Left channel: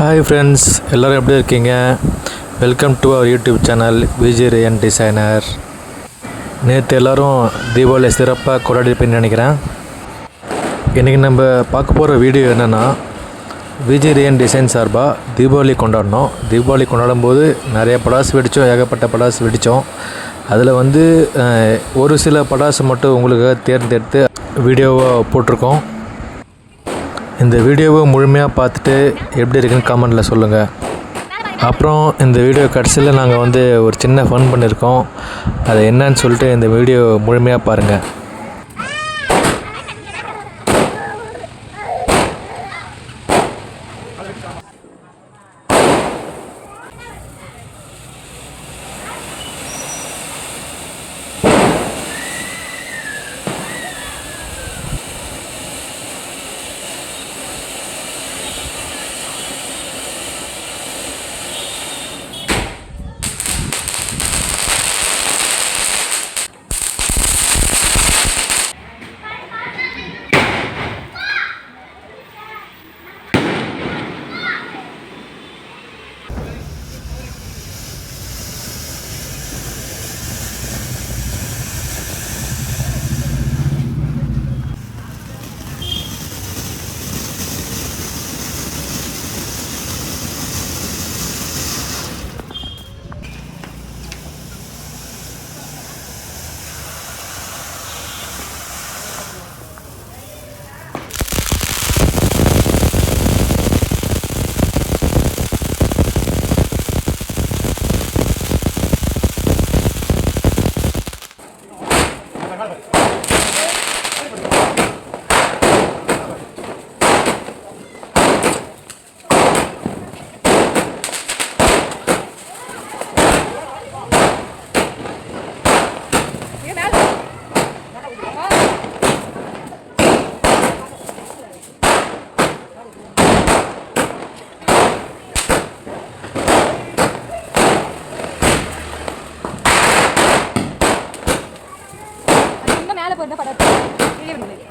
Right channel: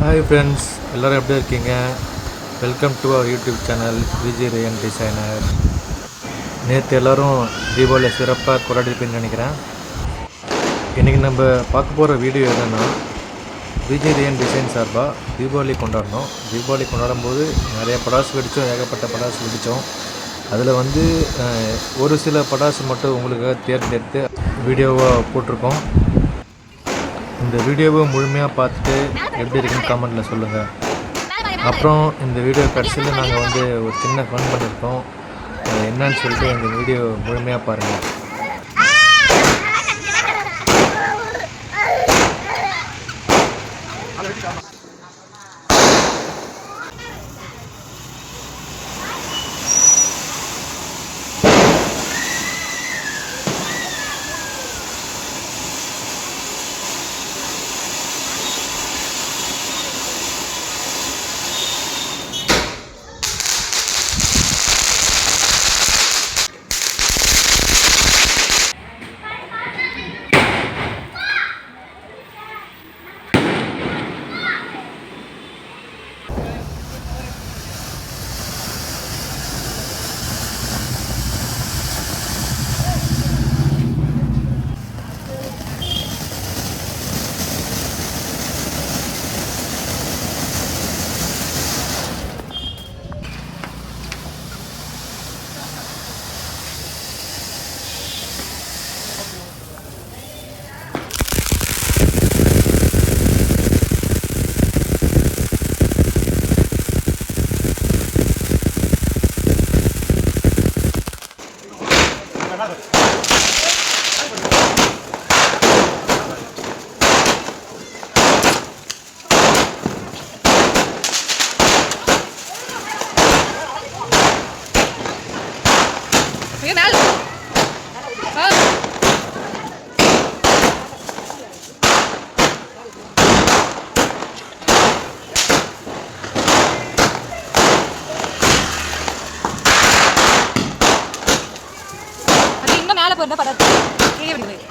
Hi friends, எல்லோரும் எப்படி இருக்கீங்க? Welcome to our YouTube channel Viji Rayan designer. நேற்று எல்லோரும் தீபாவளி சிறப்பாக கொண்டாடிப்பேன்னு நினைக்கிறேன். இன்றைக்கி நம்ம பார்க்க போகிற வீடியோ என்னென்னா, விஜி ரேயன் டிசைன் சார்பாக தீபாவளி கொண்டாடினோம். தீபாவளி கொண்டாடும் போது நிறைய படாசு வெடித்தோம், ஏகப்பட்ட படாசு வெடித்தோம். அதில் ஒரு சில படாசு மட்டும் உங்களுக்கு தேர்ந்தெடுத்து வீடியோவை போட்டிருக்கோம். இந்த வீடியோவை முழுமையாக பார்த்துட்டு எப்படி இருக்குன்னு கமெண்டில் சொல்லுங்கள். அப்புறம் இந்த வீடியோ கடைசியில் நாங்கள் ஒரு சின்ன ஃபன் பண்ணியிருக்கோம். அது என்னன்னு சொல்லிட்டு இந்த வீடியோ முழுமையாக பாருங்கள். மேலே போயிருந்தா படாது கீழே விடுது.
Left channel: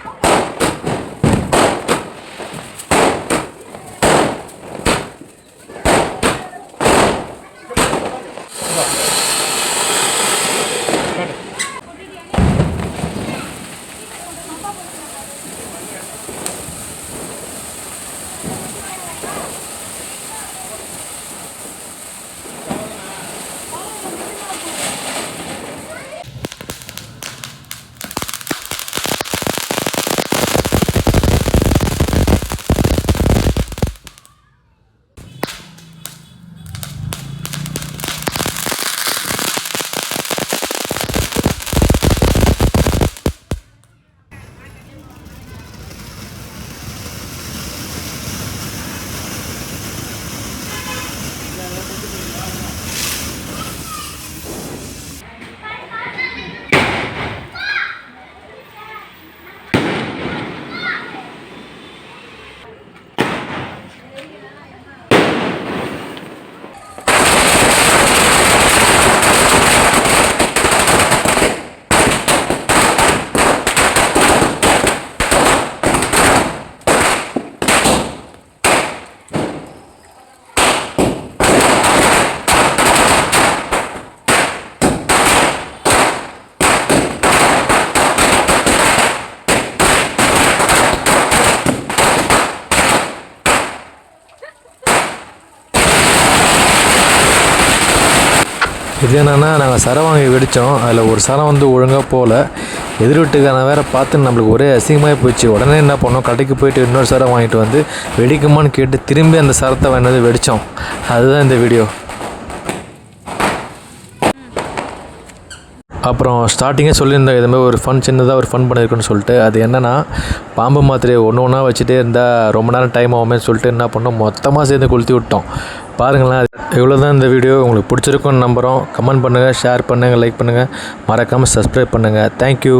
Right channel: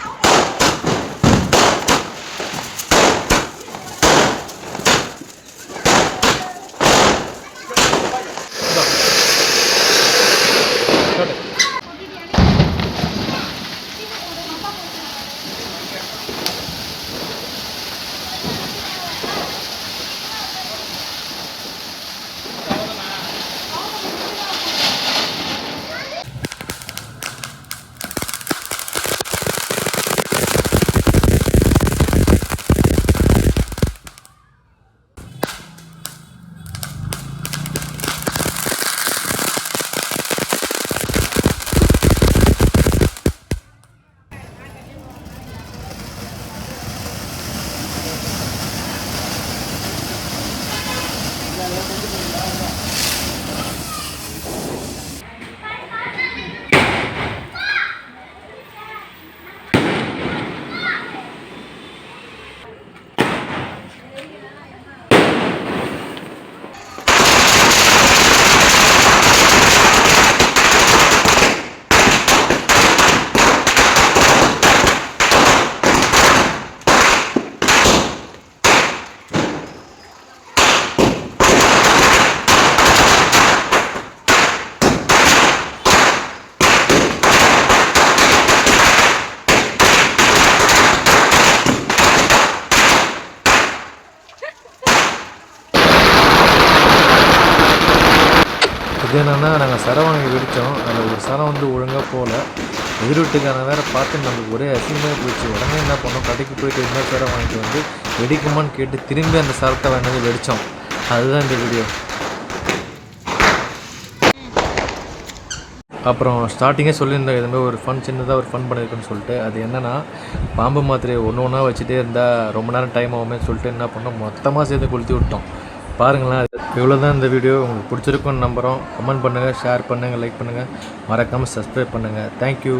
இது என்னென்னா, நாங்கள் சரம் வாங்கி வெடித்தோம். அதில் ஒரு சரம் ஒழுங்காக போகல. எதிர் வீட்டுக்கான வேறு பார்த்து நம்மளுக்கு ஒரே அசிங்கமாக போயிடுச்சு. உடனே என்ன பண்ணோம், கடைக்கு போயிட்டு இன்னொரு சரம் வாங்கிட்டு வெடிக்குமான்னு கேட்டு திரும்பி அந்த சரத்தை வாங்கினது வெடித்தோம். அதுதான் இந்த வீடியோ. அப்புறம் ஸ்டார்டிங்கே சொல்லியிருந்தேன், இதுமாதிரி ஒரு சின்னதாக ஒரு ஃபன் பண்ணியிருக்குன்னு சொல்லிட்டு. அது என்னென்னா, பாம்பு மாத்திரையை ஒன்றா வச்சுட்டே இருந்தால் ரொம்ப நேரம் டைம் ஆகுமே சொல்லிட்டு என்ன பண்ணோம், மொத்தமாக சேர்ந்து கொளுத்தி விட்டோம். பாருங்களேன். இவ்வளோ தான் இந்த வீடியோ. உங்களுக்கு பிடிச்சிருக்குன்னு நம்புகிறோம். கமெண்ட் பண்ணுங்கள், ஷேர் பண்ணுங்கள், லைக் பண்ணுங்கள், மறக்காமல் சப்ஸ்கிரைப் பண்ணுங்கள். தேங்க்யூ.